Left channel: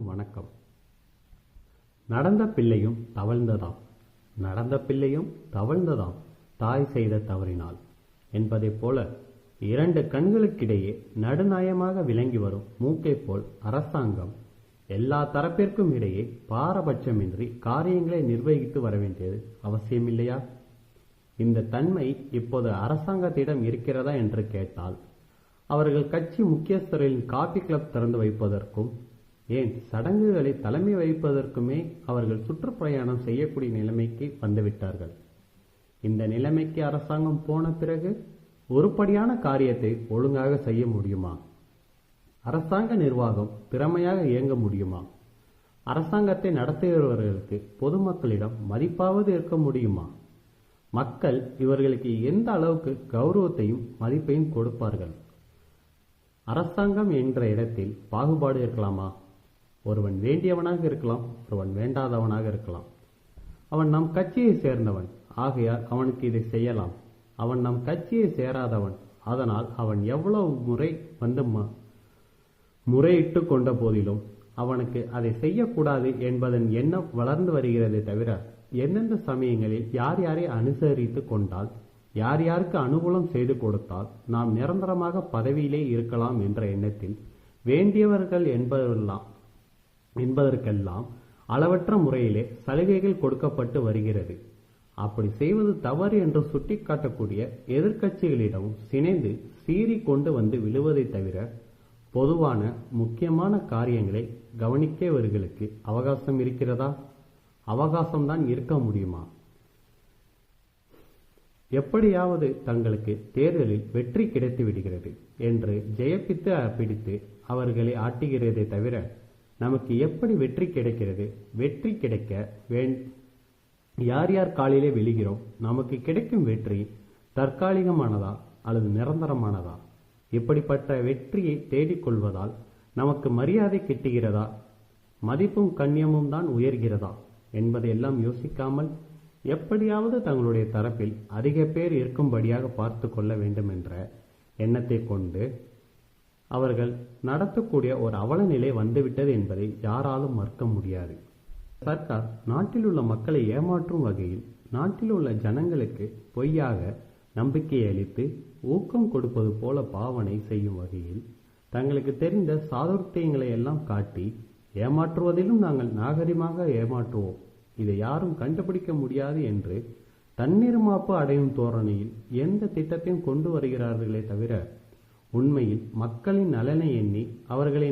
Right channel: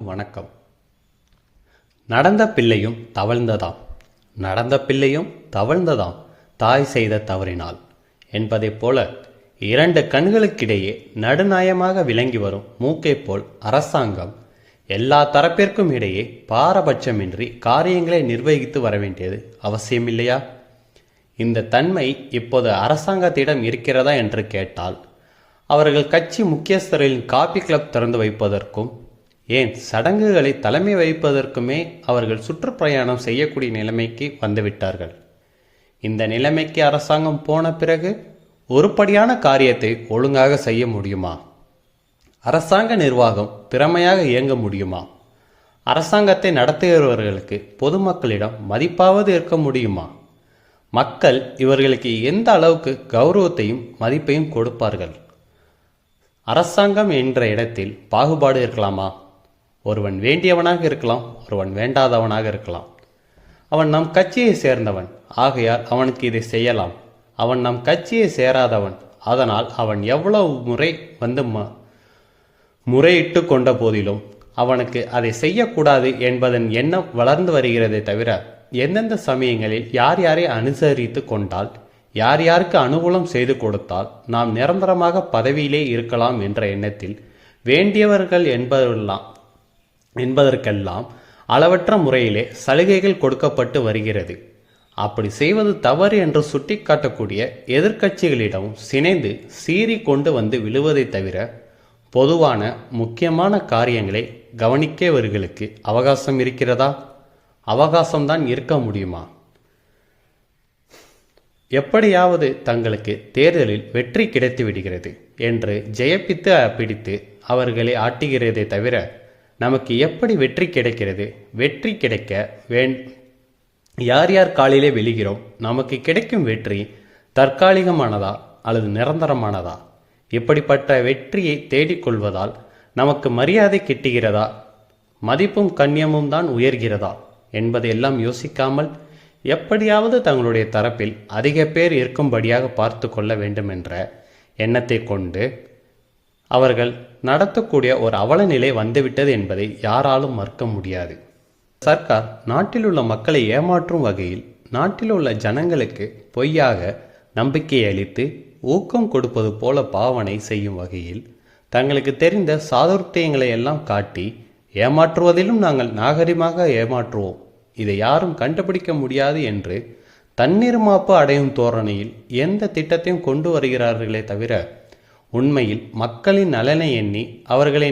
வணக்கம். நடந்த பிள்ளையும் தவழ்ந்ததாம், நடந்த பிள்ளையும் தவழ்ந்ததாம் தாய் செய்த தவறினால் என்பதைப் போல இரண்டு கண்களுக்கிடையே நடுநாயமாக விளங்கி வரும் மூக்கைப் போல் அரசாங்கம் எல்லா தரப்பிற்கும் இடையே பாரபட்சமின்றி காரியங்களை நிர்வகித்து வர வேண்டியது அவசியமில்லையா? இந்த தன்மை இப்போது அரசாங்கத்திடம் இருக்கிறதா என்று கேட்டால், அவர்கள் கட்சி முக்கியஸ்தர்களின் காபி கிளப் திறந்து வைப்பதற்கும் ஏன் சடங்குகளை தலைமை வகிப்பதற்குமே அவர்கள் சுற்றுப்பிரயாணம் செய்யக்கூடிய நிலைமைக்கு வந்துவிட்டார்கள். இந்த நிலைமைக்கு அரசாங்கம் போன பிறகு ஒருபடியான காரியத்தை ஒழுங்காக செய்ய முடியுமா? அரசாங்க நிர்வாகம் திறமையாக இயங்க முடியுமா? அரசாங்கத்தை நடத்துகிறவர்களுக்கு பொதுமக்களிடம் மதிப்பாவது இருக்க முடியுமா? மக்கள் இவர்களுக்கு எந்த அளவுக்கு கௌரவத்தையும் மதிப்பையும் கொடுப்பார்கள்? அரசாங்கம் என்ற இடத்தில் பாகுபாடு இருக்கலாமா? ஒருவன் வேண்டியவனாக இருக்கலாம், ஒருவன் வேண்டாதவனாக இருக்கலாம். அவன் நம் கட்சியை சேர்ந்தவன், ஆகையால் அவனுக்கு இதை செய்யலாம். அவன் நம் கட்சியை சேராதவன், அதனால் அவன் எவ்வளவு முறை வந்து முறையிட்டு கொண்ட போதிலும் அவனுக்கு அதை செய்யக்கூடாது என்பதன் எண்ணம் வளர்ந்து வருகிறதே தவிர, எந்தெந்த சமயங்களில் யார் யாரை அனுசரித்து கொண்டால், யார் யாருக்கு அனுகூலம் செய்து கொடுத்தால் நாம் நிரந்தரமாக பதவியிலே இருக்கலாம் என்ற எண்ணத்தில் வேண்டியவர்கள் என்பதற்கெல்லாம் அளவற்ற முறையிலே சலுகைகள் கொடுக்கப்பட்டு வருகிறது. அப்படி செய்வது தவறு என்று சுட்டிக்காட்டக்கூடிய எதிர்க்கட்சிகளிடமும் சினைந்து சீறி கொண்டு வந்து விழுவதை தவிர, பொதுவான முக்கியமான காரியங்களை கவனிக்கவர்களுக்கு அவகாசம் இருக்கிறதா? அவகாசம்தான் இருக்க முடியுமா? எப்படியாவது தங்களுக்கு தேர்தலில் வெற்றி கிடைத்து விடுகிறது என்று ஜெயப்பித்து பிடித்து அவர்களை ஆட்டுகிறதே தவிர, நமக்கு எப்படி வெற்றி கிடைக்கிறது? வெற்றி கிடைக்க யார் யார் காலிலே விழுகிறோம்? நமக்கு கிடைக்கும் வெற்றி தற்காலிகமானதா அல்லது நிரந்தரமானதா? இப்படிப்பட்ட வெற்றியை தேடிக்கொள்வதால் நமக்கு மரியாதை கிட்டுகிறதா, மதிப்பும் கண்ணியமும் தான் உயர்கிறதா என்பதையெல்லாம் யோசிக்காமல், எப்படியாவது தங்களுடைய தரப்பில் அதிக பேர் இருக்கும்படியாக பார்த்து கொள்ள வேண்டும் என்ற எண்ணத்தை கொண்டு அவர்கள் நடத்தக்கூடிய ஒரு அவலநிலை வந்துவிட்டது என்பதை யாராலும் மறுக்க முடியாது. சர்க்கார் நாட்டில் உள்ள மக்களை ஏமாற்றும் வகையில் நாட்டில் உள்ள ஜனங்களுக்கு பொய்யாக நம்பிக்கை அளித்து ஊக்கம் கொடுப்பது போல பாவனை செய்யும் வகையில் தங்களுக்கு தெரிந்த சாதுர்த்தியங்களை எல்லாம் காட்டி ஏமாற்றுவதிலும் நாங்கள் நாகரிகமாக ஏமாற்றுவோம், இதை யாரும் கண்டுபிடிக்க முடியாது என்று தன்னிருமாப்பு அடையும் தோரணையில் எந்த திட்டத்தையும் கொண்டு வருகிறார்களே தவிர, உண்மையில் மக்களின் நலனை எண்ணி அவர்களை